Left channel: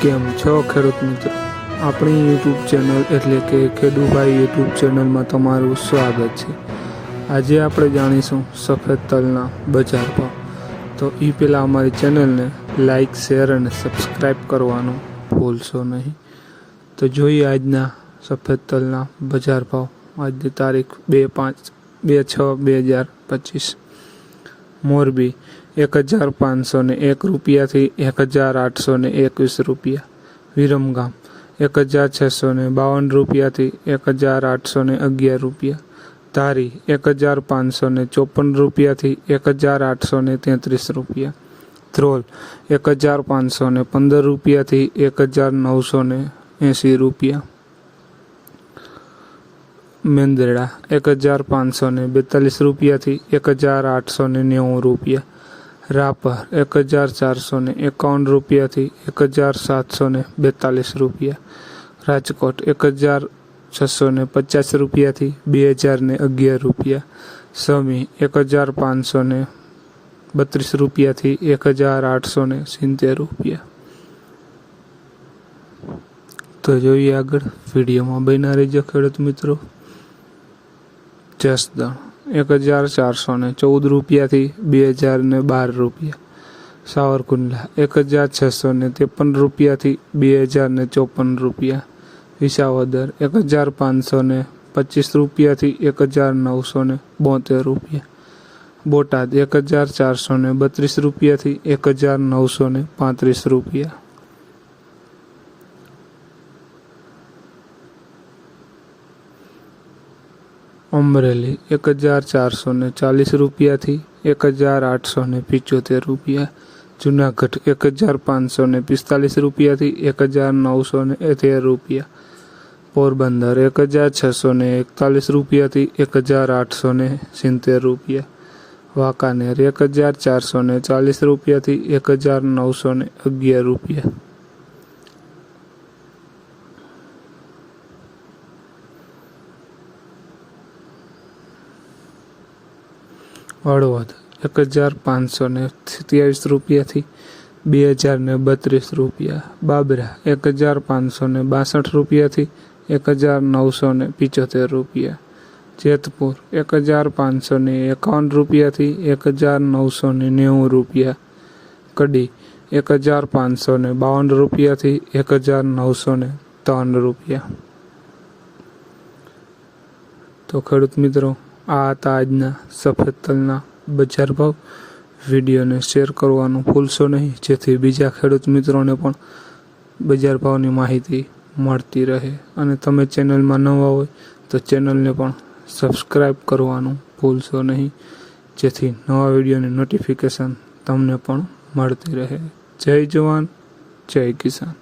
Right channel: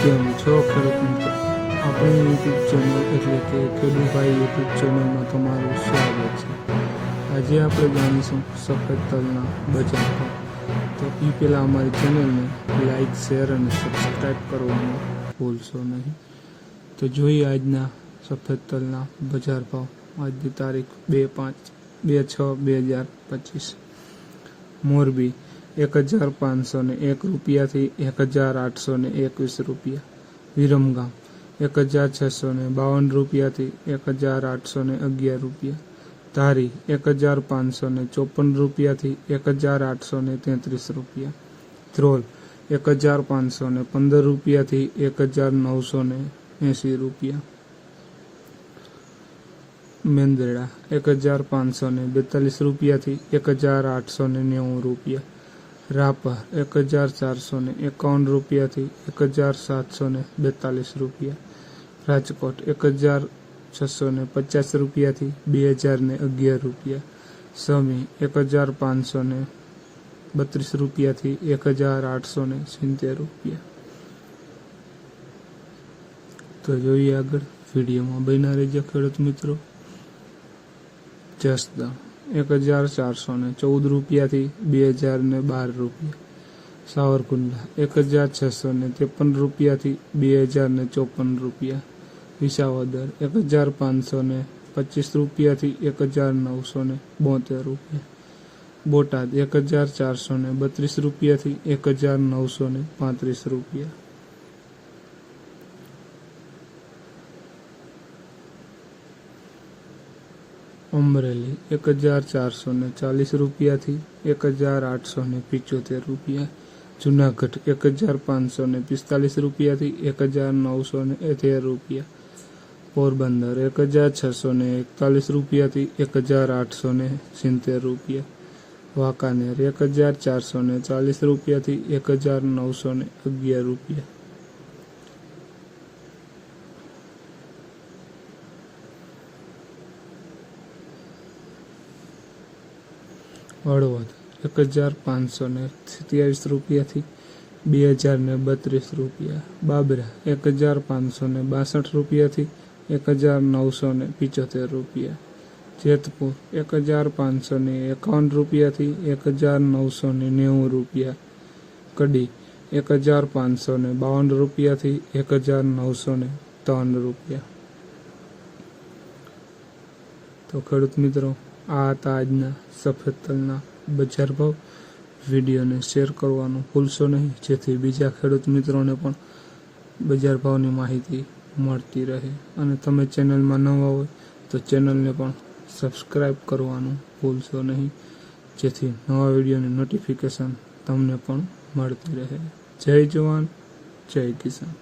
કેમ છો ખેડૂત મિત્રો? આપણી યુટ્યુબ ચેનલ એટલે કે ખેડૂભાઈ યુટ્યુબ ચેનલમાં તમારું સ્વાગત છે। આજે આપણે જાણીશું સફેદ તલના બજાર ભાવ। તો એ પહેલાં અમારી ચેનલને લાઇક, શેર અને સબસ્ક્રાઈબ કરવાનું ભૂલશો નહીં। તો જોઈએ આજના સફેદ તલના બજાર ભાવ। આજની તારીખ 2/5/2025। મોરબી 1501 રૂપિયાથી 1821 રૂપિયા। વિરમગામ 1652 રૂપિયાથી 1811 રૂપિયા। ધારી 1554 રૂપિયાથી 1833 રૂપિયા। ધ્રોલ 1515 રૂપિયાથી 1980 રૂપિયા। મેંદરડા 1542 રૂપિયાથી 1890 રૂપિયા। રાપર 1451 રૂપિયાથી 1742 રૂપિયા। રાજકોટ 1650 રૂપિયાથી 2011 રૂપિયા। સમી 1532 રૂપિયાથી 1870 રૂપિયા। તો જોઈએ આગળ, વિડીયોમાં બન્યા રહેજો ખેડૂત મિત્રો। જસદણ 1414 રૂપિયાથી 2012 રૂપિયા। સાવરકુંડલા 1653 રૂપિયાથી 2054 રૂપિયા। વિસાવદર 1525 રૂપિયાથી 1972 રૂપિયા। બોટાદ 1432 રૂપિયાથી 1935 રૂપિયા। અમરેલી 1440 રૂપિયાથી 1875 રૂપિયા। જુનાગઢ 1545 રૂપિયાથી 1913 રૂપિયા। પોરબંદર 1641 રૂપિયાથી 1870 રૂપિયા। વાંકાનેર 1440 રૂપિયાથી 1911 રૂપિયા। હળવદ 1527 રૂપિયાથી 2032 રૂપિયા। બાબરા 1562 રૂપિયાથી 1975 રૂપિયા। જેતપુર 1551 રૂપિયાથી 1990 રૂપિયા। કડી 1552 રૂપિયાથી 1903 રૂપિયા। તો ખેડૂત મિત્રો, આ હતા આજના સફેદ તલના બજાર ભાવ। વિડીયોને શેર કરવાનું ભૂલશો નહીં, જેથી બીજા ખેડૂત મિત્રોને પણ બજાર ભાવની માહિતી મળતી રહે। અને તમે ચેનલમાં નવા હોય તો ચેનલને પણ સબસ્ક્રાઈબ કરવાનું ભૂલશો નહીં, જેથી નવા વિડીયોની નોટિફિકેશન તમને પણ મળતી રહે। જય જવાન, જય કિસાન।